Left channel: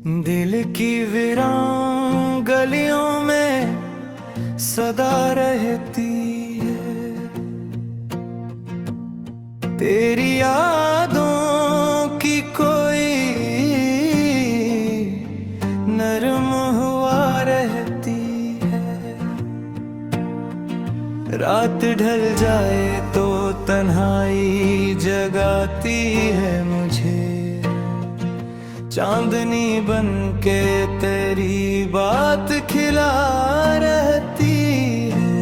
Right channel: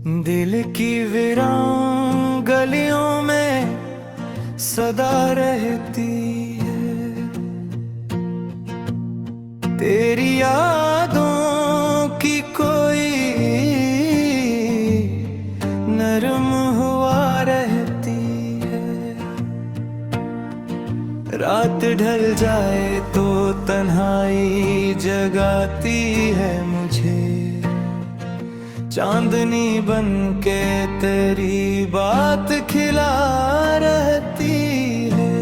दिल की वीरान गलियों में सदा रहती है, तेरी यादों की कोई नरम हवा रहती है। रात ढल जाए तो तन्हाई जगाती है मुझे, चांदनी बन के तेरी बात खिला रहती है।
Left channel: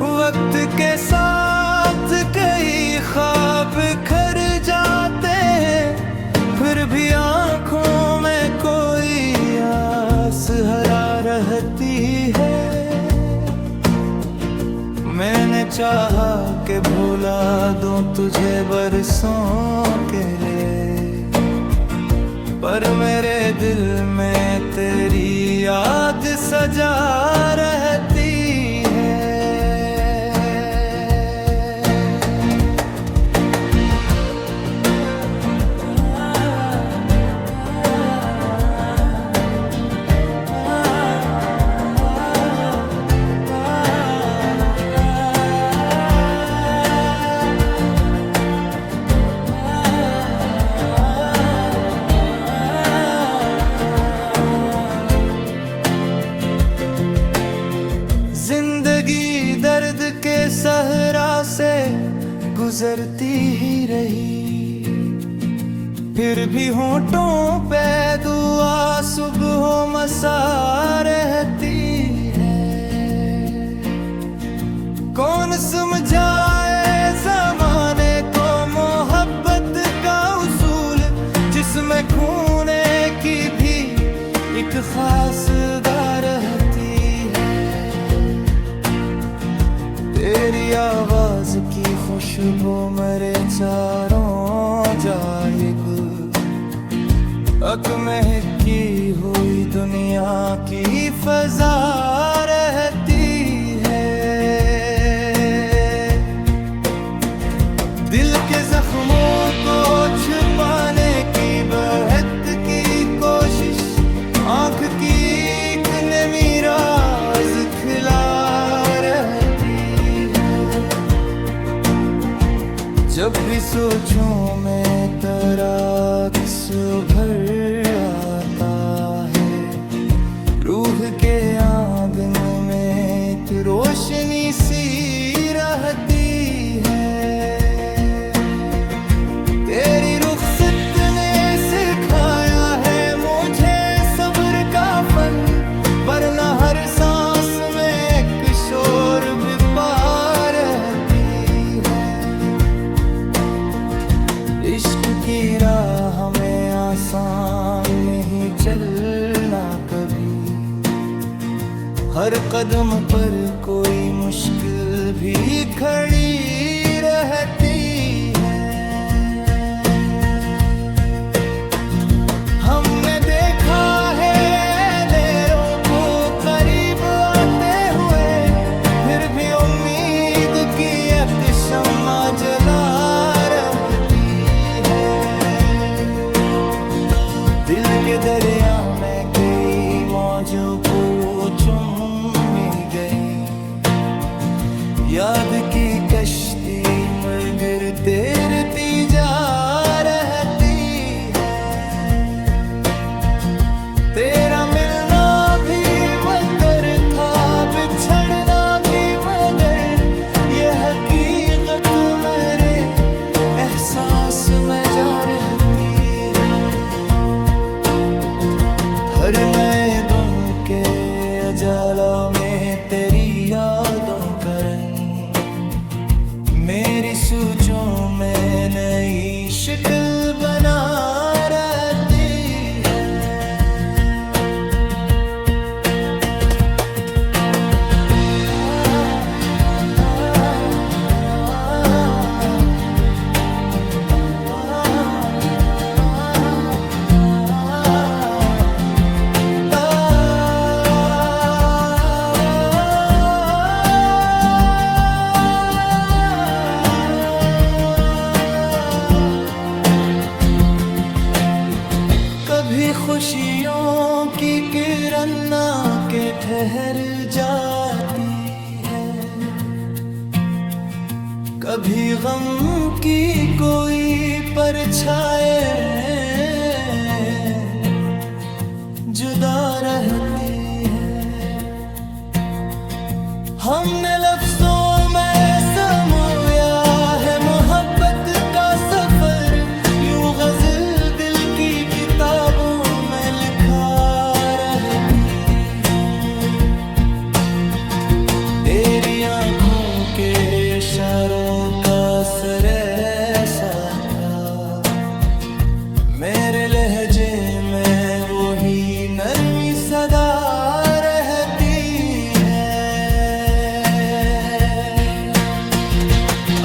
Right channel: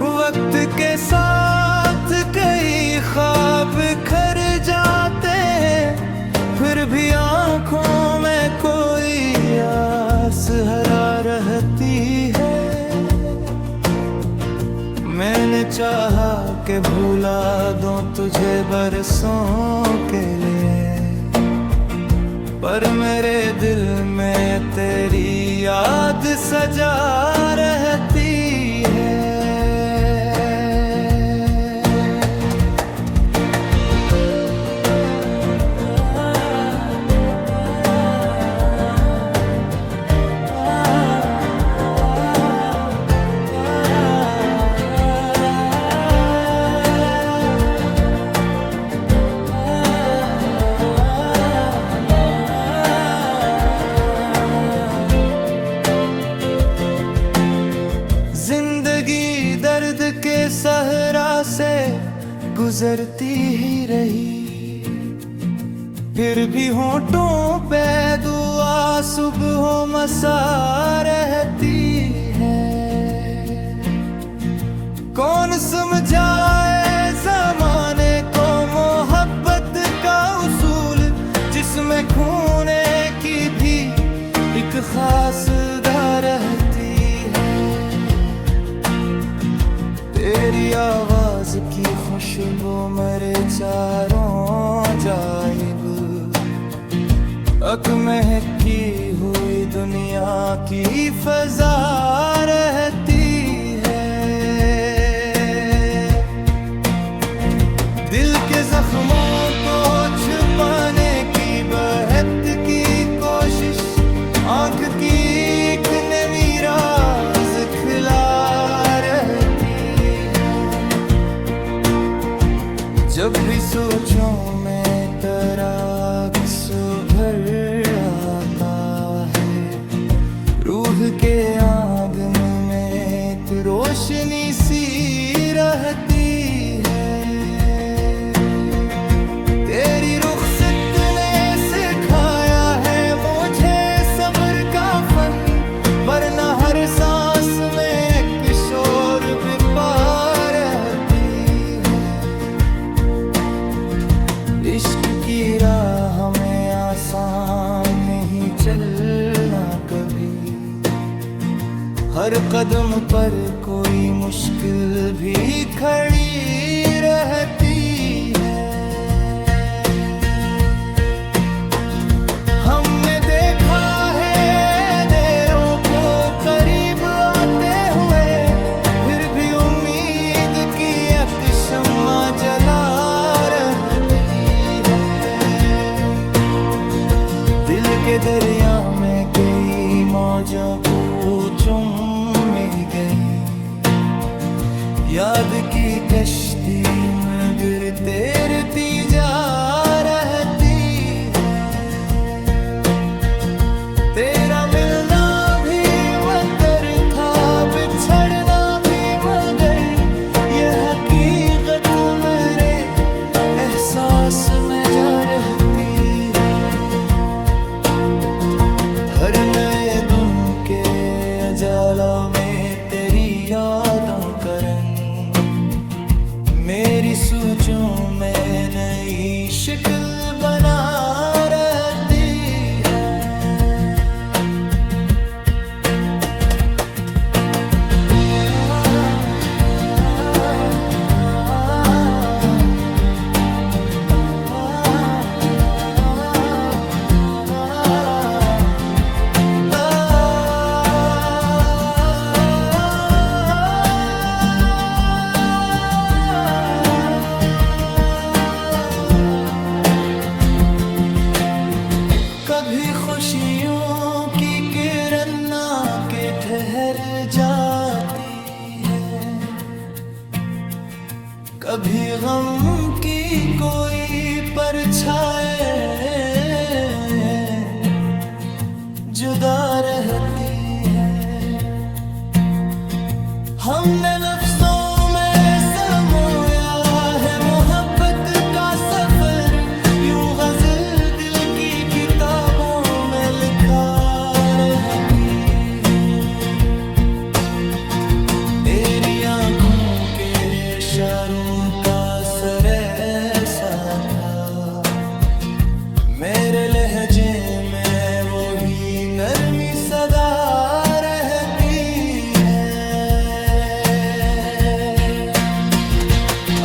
वक्त के साथ कई ख्वाब खर जाते हैं, फिर भी आंखों में कोई आस हरा रहती है। मैंने चाहा कि भुला दूं तुझे बरसों के लिए, पर मेरे दिल में तेरी याद सजा रहती है। जिंदगी दर्द के सहरा से गुजरती ही रही, फिर भी होठों पे दुआ सुबह मसा रहती है। कौन समझाए ज़माने को मोहब्बत का उसूल, जिसमें खूने की भी एक खास दा रहती है। तेरी आवाज की खुशबू मेरे चारों जाइब महकी हुई दुनिया की फजा रहती है। दिल के जख्मों को छुपाने की बहत की कोशिश, आंख की एक नमी राज खिला रहती। जब भी सोचूं मैं तेरा अक्स उभर आता है, रूह के आंगन में एक रोशनी सी रहती है। तेरी रुखसत ने सिखाया है मुझे सब्र का फन, वरना हर सांस में एक शोर बिपा रहती। इश्क की राह में आसान नहीं चलना कभी, हर कदम पर कोई मुश्किल भी खड़ी रहती है। हमने देखा है देरों को करीब आते हुए, फिर भी उम्मीद की एक शम्मा जला दिल के दरिया में कई मौजों को चुम गई। याद की कश्ती मगर तैरती जा रहती है। तेरा मिलना भी मगर था, बिछड़ना भी मगर, ये हकीकत मेरे एहसास में जा रहती। हर नए दिन के अजालों में तेरी यादों का रंग, मेरी सोचों में नई शक्ल बना रहती है। कभी खुशियों की किरण ना के ठहर जाती है, कभी गम की कोई परछाई जुदा रहती है। हमने लफ्जों में समोया है मोहब्बत का सफर, यूं गज़ल दिल की किताबों में लिखा रहती है। तेरी आँखों के इशारों का असर ऐसा था, मेरे लहजे में वो ही नरमी सदा रहती है।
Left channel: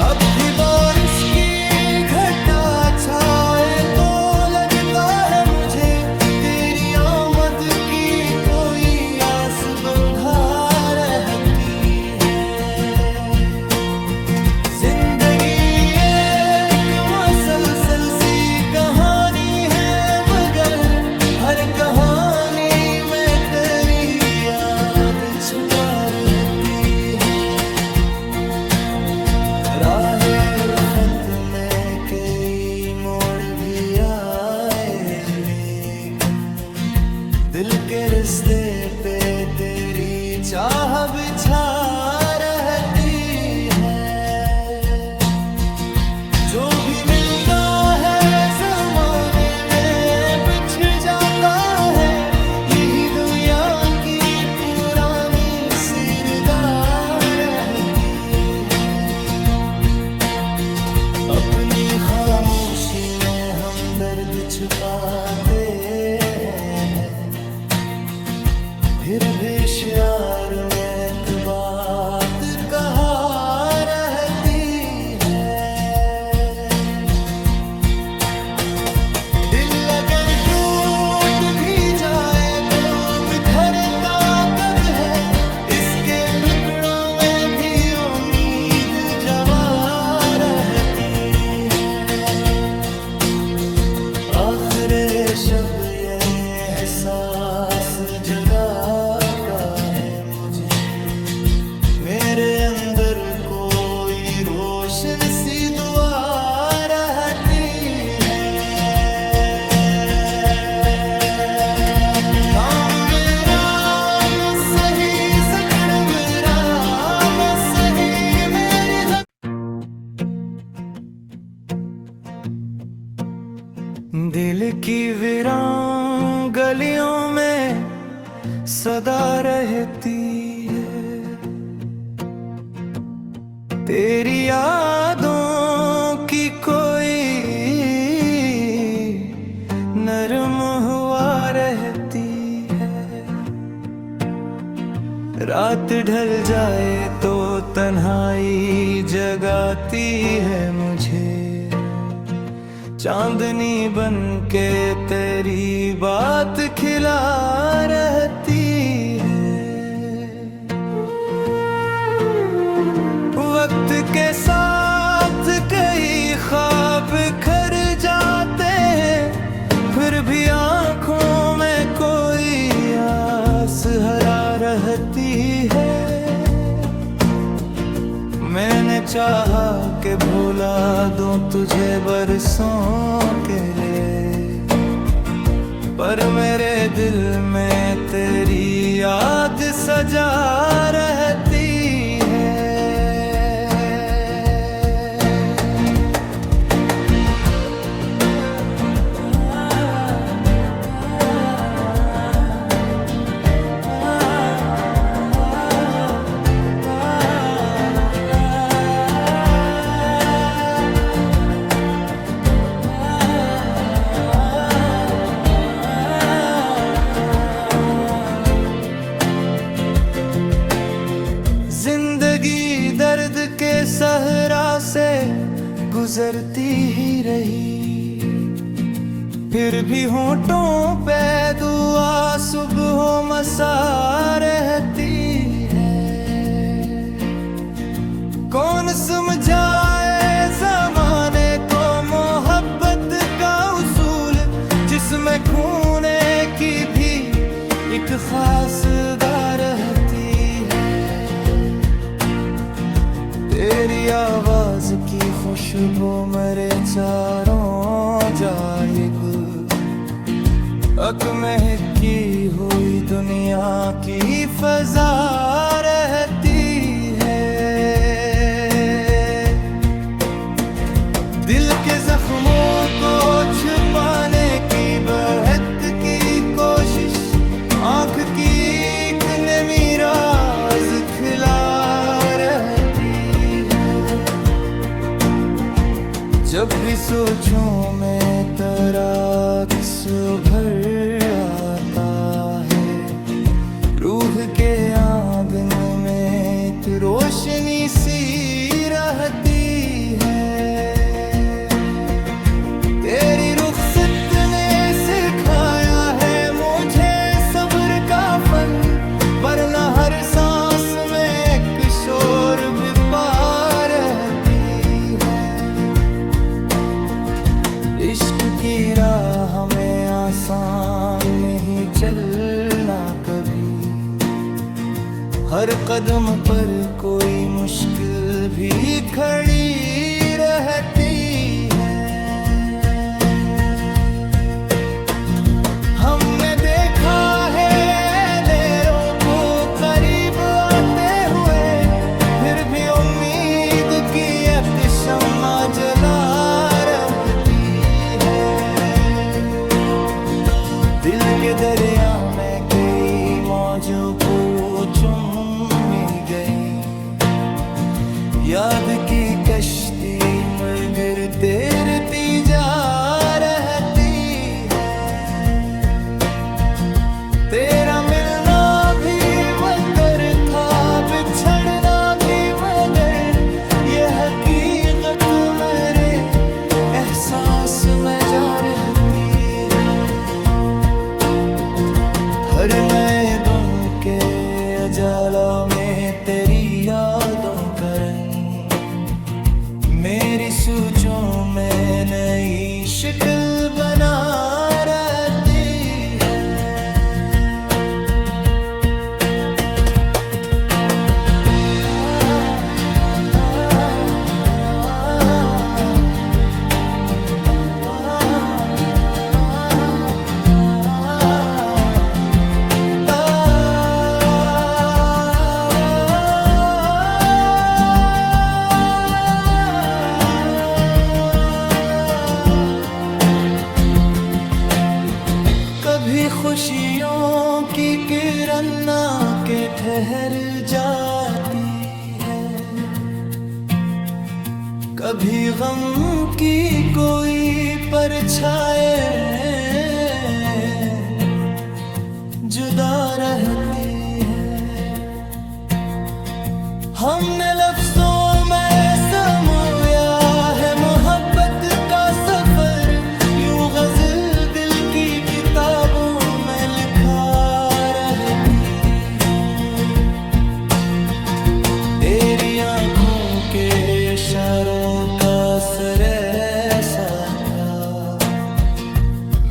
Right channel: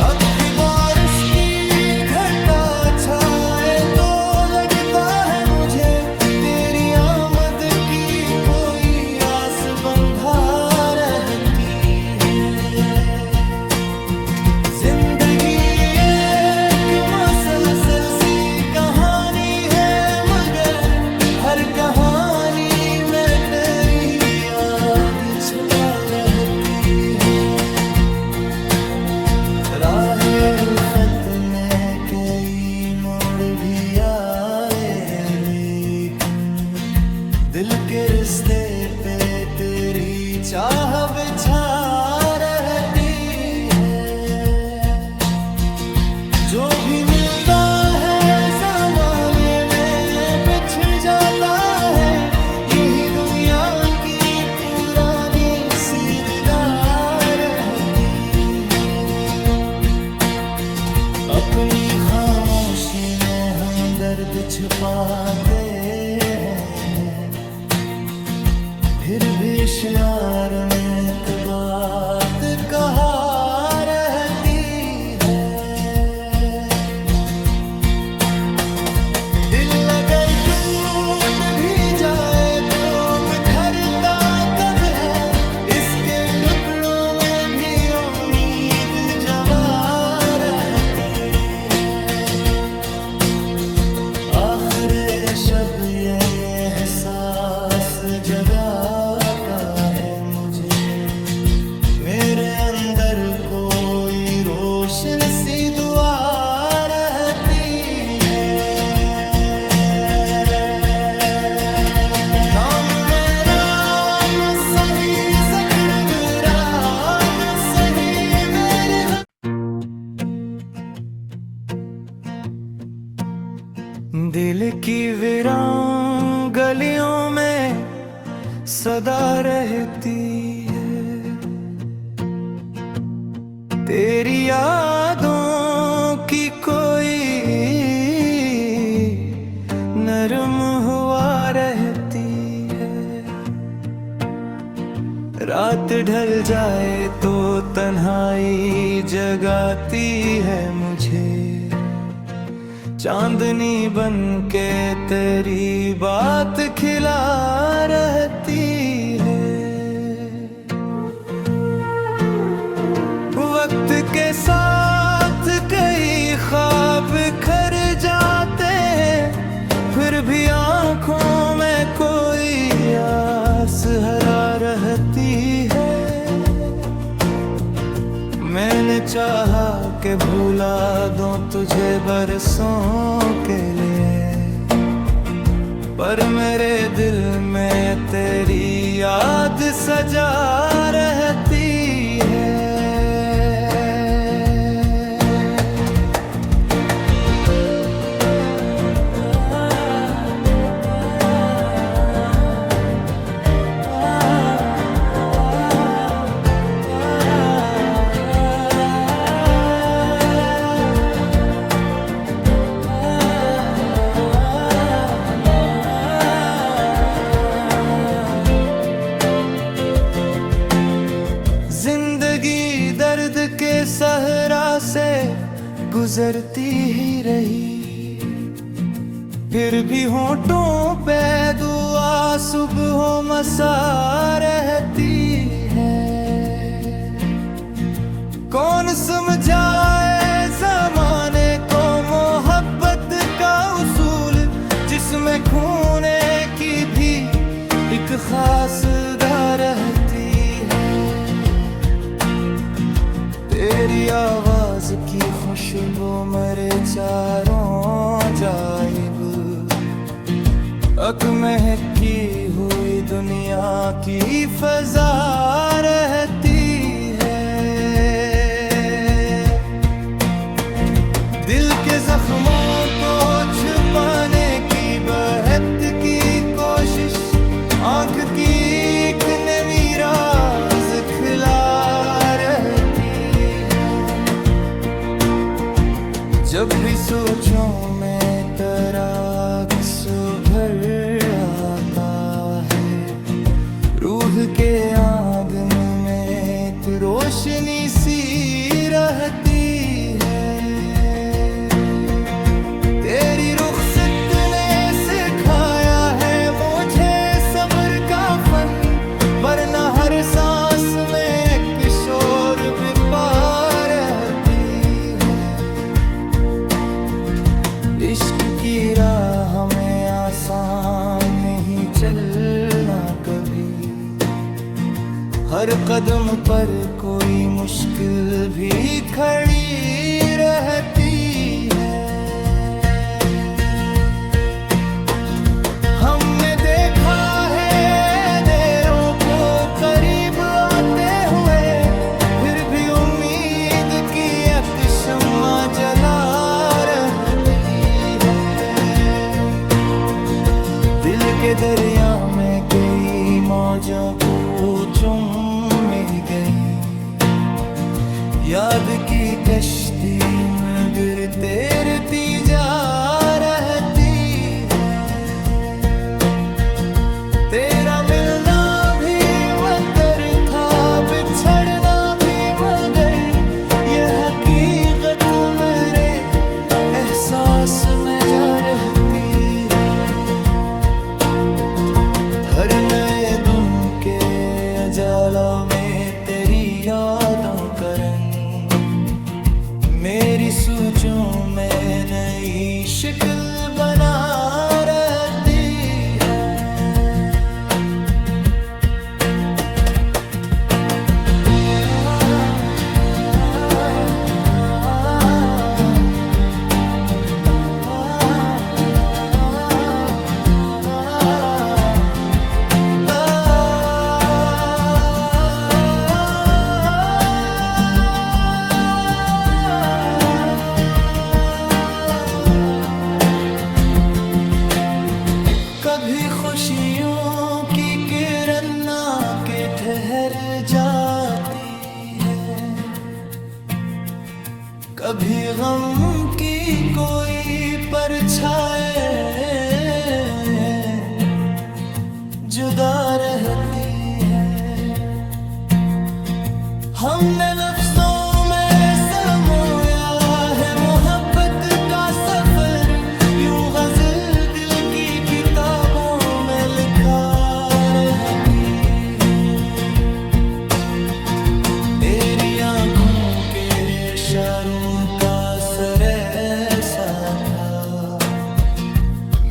अब भी बारिश की घटा छाए तो लगता है मुझे तेरी आमद की कोई आस बंधा रहती है। जिंदगी एक मुसलसल सी कहानी, हर कहानी में तेरी याद छुपा रहती है। राहे उल्फत में कई मोड़ भी आए, लेकिन दिल के रिश्ते पे तेरी चाह बिछा रहती है। जो भी मिलता है ज़माने में बिछड़ जाता है, यही दुनिया की पुरानी सिरदार रहती है। अपनी खामोशी में हम दर्द छुपाते हैं, फिर भी इशार में एक बात कहा रहती है। दिल अगर टूट भी जाए तो बिखरता कब है, इसके टुकड़ों में भी उम्मीद जवा रहती है। आखिर शब ये एहसास जगा का है मुझे, मेरे अंदर कोई रोशन सी दुआ रहती है। दिल की वीरान गलियों में सदा रहती है, तेरी यादों की कोई नरम हुआ रहती है। रात ढल जाए तो तन्हाई जगाती है मुझे, चांदनी बन के तेरी बात खिला रहती है। वक्त के साथ कई ख्वाब खर जाते हैं, फिर भी आंखों में कोई आस हरा रहती है। मैंने चाहा कि भुला दूं तुझे बरसों के लिए, पर मेरे दिल में तेरी याद सजा रहती है। जिंदगी दर्द के सहरा से गुजरती ही रही, फिर भी होठों पे दुआ सुबह मसा रहती है। कौन समझाए जमाने को मोहब्बत का उसूल, जिस इसमें खूने की भी एक खास रहती है। तेरी आवाज की खुशबू मेरे चारों जाइब महकी हुई दुनिया की फजा रहती है। दिल के जख्मों को छुपाने की बहत की कोशिश आंख की एक नमी राज खिला रहती है। जब भी सोचूं मैं तेरा अक्स उभर आता है। रूह के आंगन में तू रोशनी सी रहती है। तेरी रुखसत ने सिखाया है मुझे सब्र का फन, वरना हर सांस में एक शोर बिपा रहती है। इश्क की राह में आसान नहीं चलना कभी, हर कदम पर कोई मुश्किल भी खड़ी रहती है। हमने देखा है देरों को करीब आते हुए, फिर भी उम्मीद की एक शम्मा जला रहती है। दिल के दरिया में कई मौजों को चुम गई, याद की कश्ती मगर तैरती जा रहती है। तेरा मिलना भी मगर था, बिछड़ना भी मगर, ये हकीकत मेरे एहसास में जा रहती है। हर नए दिन के उजालों में तेरी यादों का रंग मेरी सोचों में नई शक्ल बना रहती है। कभी खुशियों की किरण ना के ठहर जाती है, कभी गम की कोई परछाई जुदा रहती है। हमने लफ्जों में समोया है मोहब्बत का सफर, यूं गजल दिल की किताबों में लिखा रहती है। तेरी आंखों के इशारों का असर ऐसा था,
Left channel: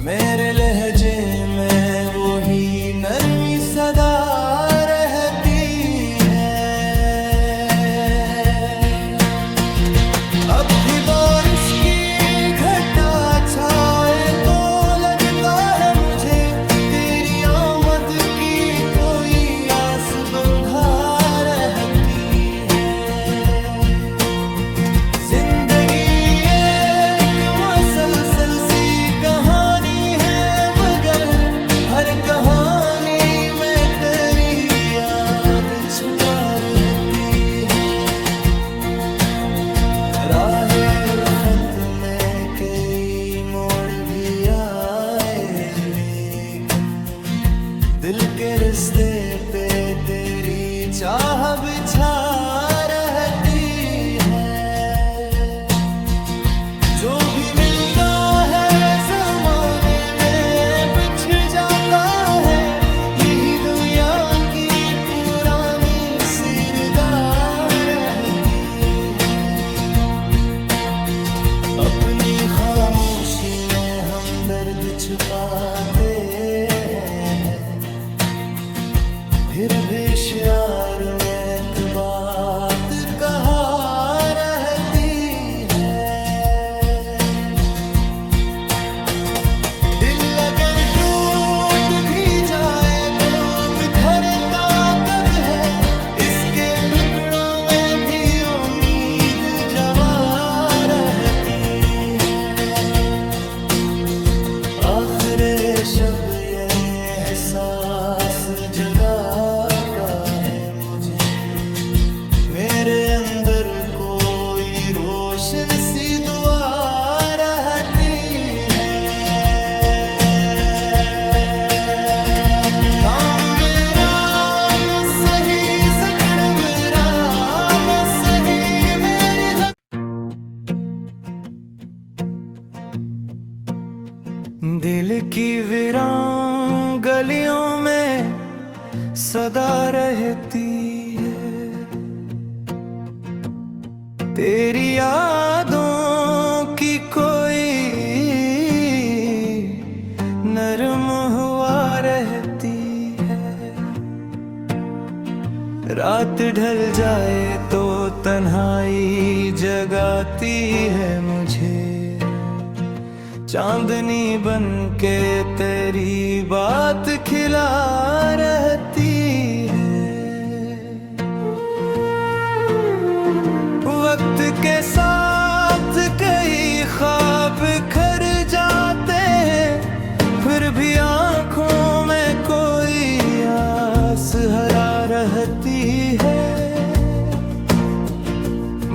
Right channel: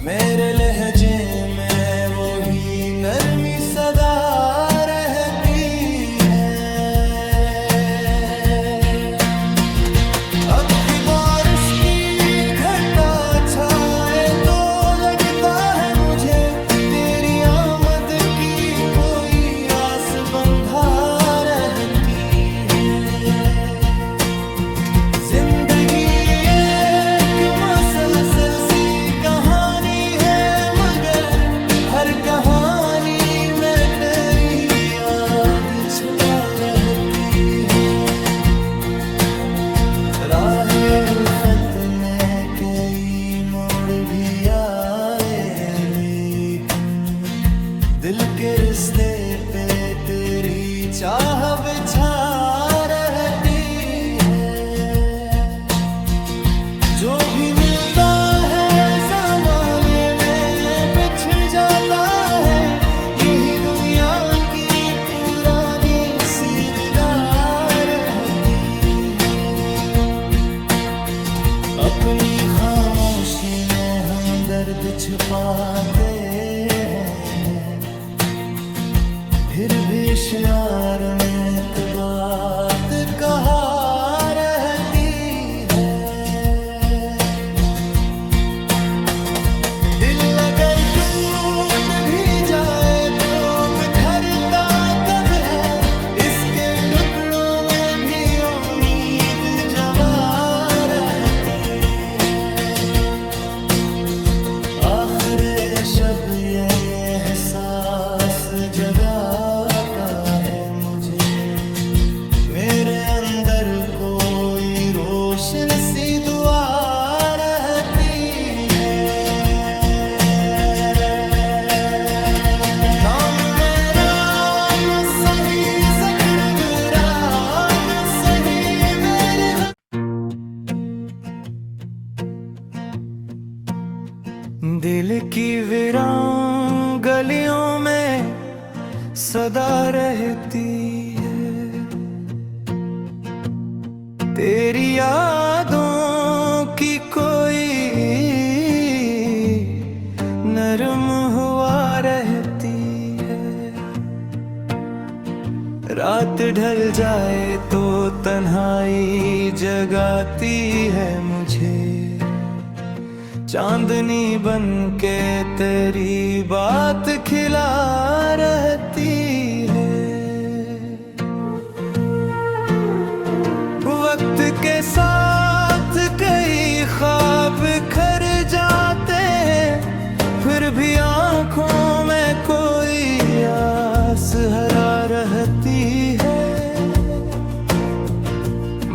मेरे लहजे में वो ही नरमी सदा रहती है। अब भी बारिश की घटा छाए तो लगता है मुझे तेरी आमद की कोई आस बंधा रहती है। जिंदगी एक मुसलसल सी कहानी है, मगर हर कहानी में तेरी याद छुपा रहती है। राहे उल्फत में कई मोड़ भी आए, लेकिन दिल के रिश्ते पे तेरी चाह बिछा रहती है। जो भी मिलता है ज़माने में बिछड़ जाता है, यही दुनिया की पुरानी सिरदार रहती है। अपनी खामोश खामोशी में हम दर्द छुपाते हैं, फिर भी इश्यार में एक बात कहा रहती है। दिल अगर टूट भी जाए तो बिखरता कब है, इसके टुकड़ों में भी उम्मीद जवा रहती है। आखिरे शब ये एहसास जगाता है मुझे, मेरे अंदर कोई रोशन सी दुआ रहती है। नाम मेरा न सही, ज़िक्र मेरा न सही, मेरी दिल की वीरान गलियों में सदा रहती है, तेरी यादों की कोई नरम हवा रहती है। रात ढल जाए तो तन्हाई जगाती है मुझे, चांदनी बन के तेरी बात खिला रहती है। वक्त के साथ कई ख्वाब खर जाते हैं, फिर भी आंखों में कोई आस हरा रहती है।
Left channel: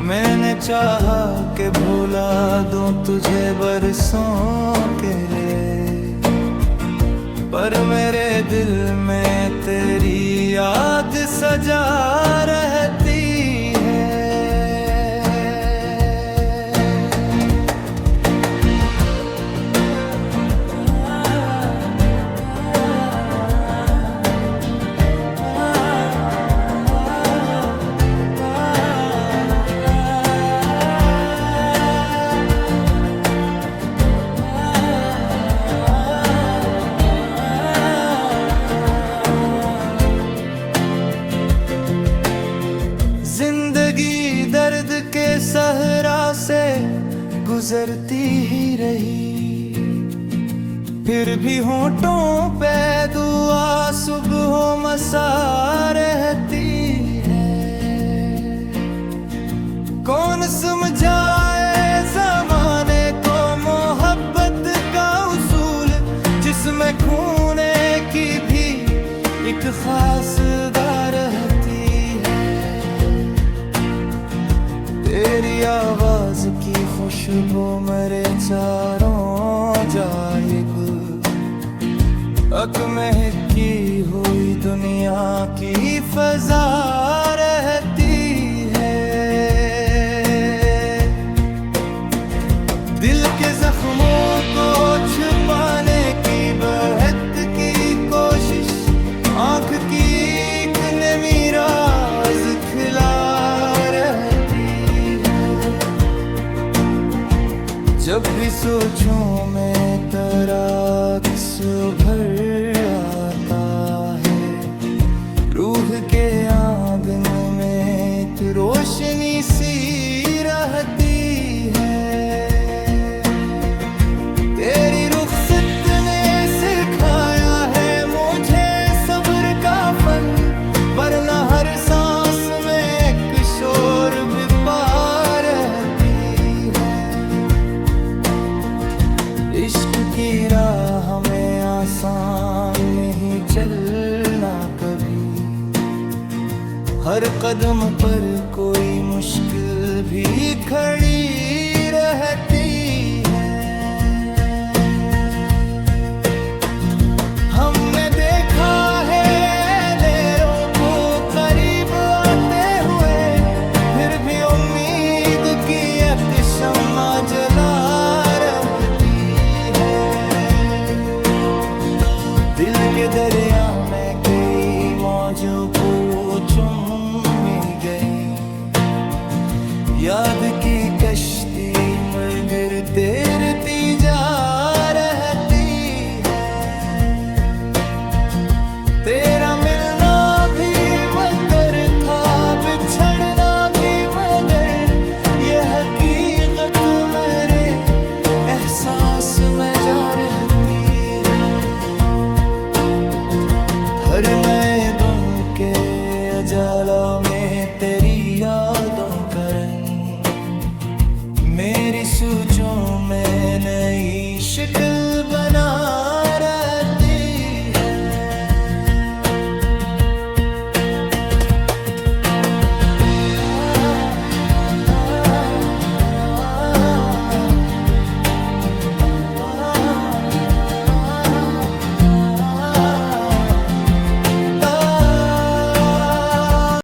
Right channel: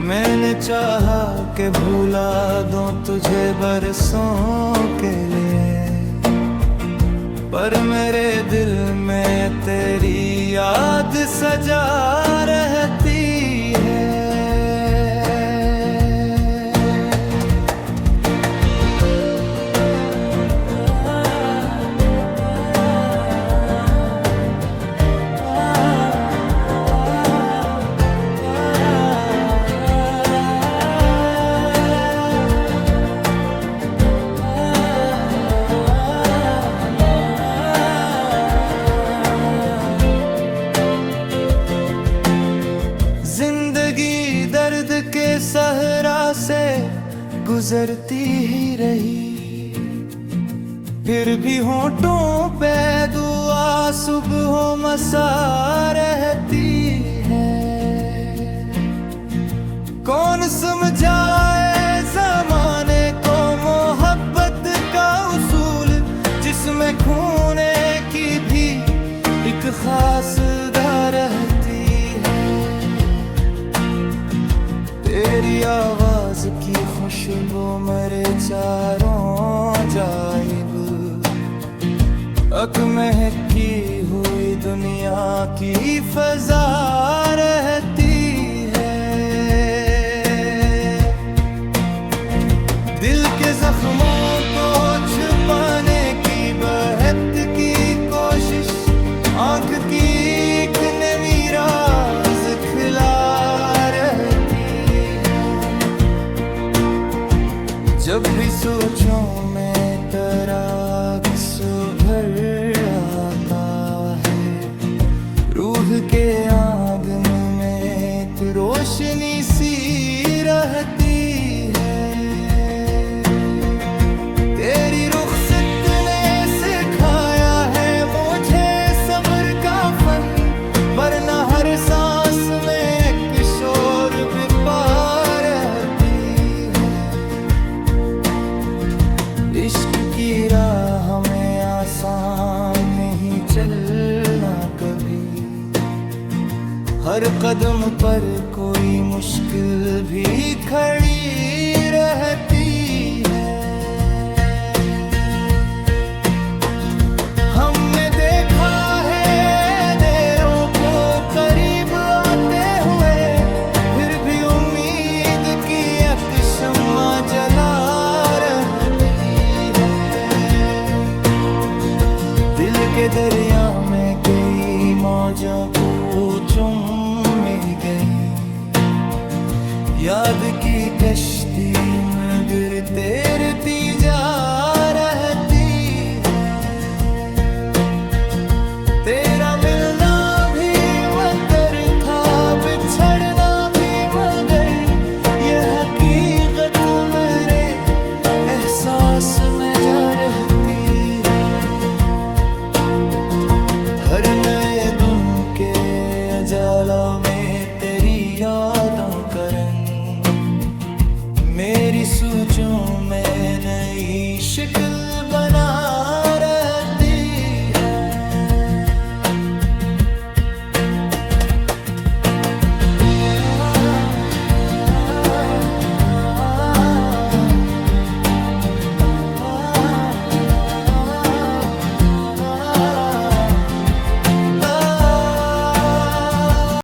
मैंने चाहा कि भुला दूं तुझे बरसों के लिए, पर मेरे दिल में तेरी याद सजा रहती है। जिंदगी दर्द के सहरा से गुजरती ही रही, फिर भी होठों पे दुआ सुबह मसा रहती है। कौन समझाए ज़माने को मोहब्बत का उसूल, जिसमें खूने की भी एक खास दा रहती है। तेरी आवाज की खुशबू मेरे चारों जाइब, महकी हुई दुनिया की फजा रहती है। दिल के जख्मों को छुपाने की बहत की कोशिश, आंख की एक नमी राज खिला रहती है। जब भी सोचूं मैं तेरा अक्स उभर आता है, रूह के आंगन में एक रोशनी सी रहती है। तेरी रुखसत ने सिखाया है मुझे सब्र का फन, वरना हर सांस में एक शोर बिपा रहती है। इश्क की राह में आसान नहीं चलना कभी, हर कदम पर कोई मुश्किल भी खड़ी रहती है। हमने देखा है देरों को करीब आते हुए, फिर भी उम्मीद की एक शम्मा जला रहती है। दिल के दरिया में कई मौजों को चुम गई, याद की कश्ती में गिर तैरती जा रहती है। तेरा मिलना भी मगर था, बिछड़ना भी मगर, ये हकीकत मेरे एहसास में जा रहती है। हर नए दिन के उजालों में तेरी यादों का रंग मेरी सोचों में नई शक्ल बना रहती